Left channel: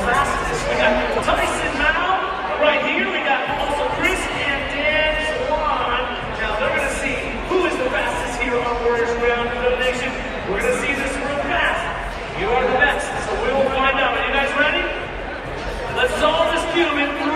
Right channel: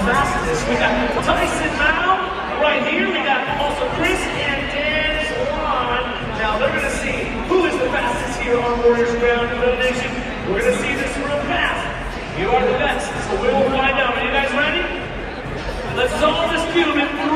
fastest. We got Tyson Mao right here. We got also Chris and Dan Swan. Now they're going to see who is the fastest here on Warriors Ground Elimination. We're going to see this real fast. You are the best, so we will find out. Are you guys ready? Let's solve this cube in 3,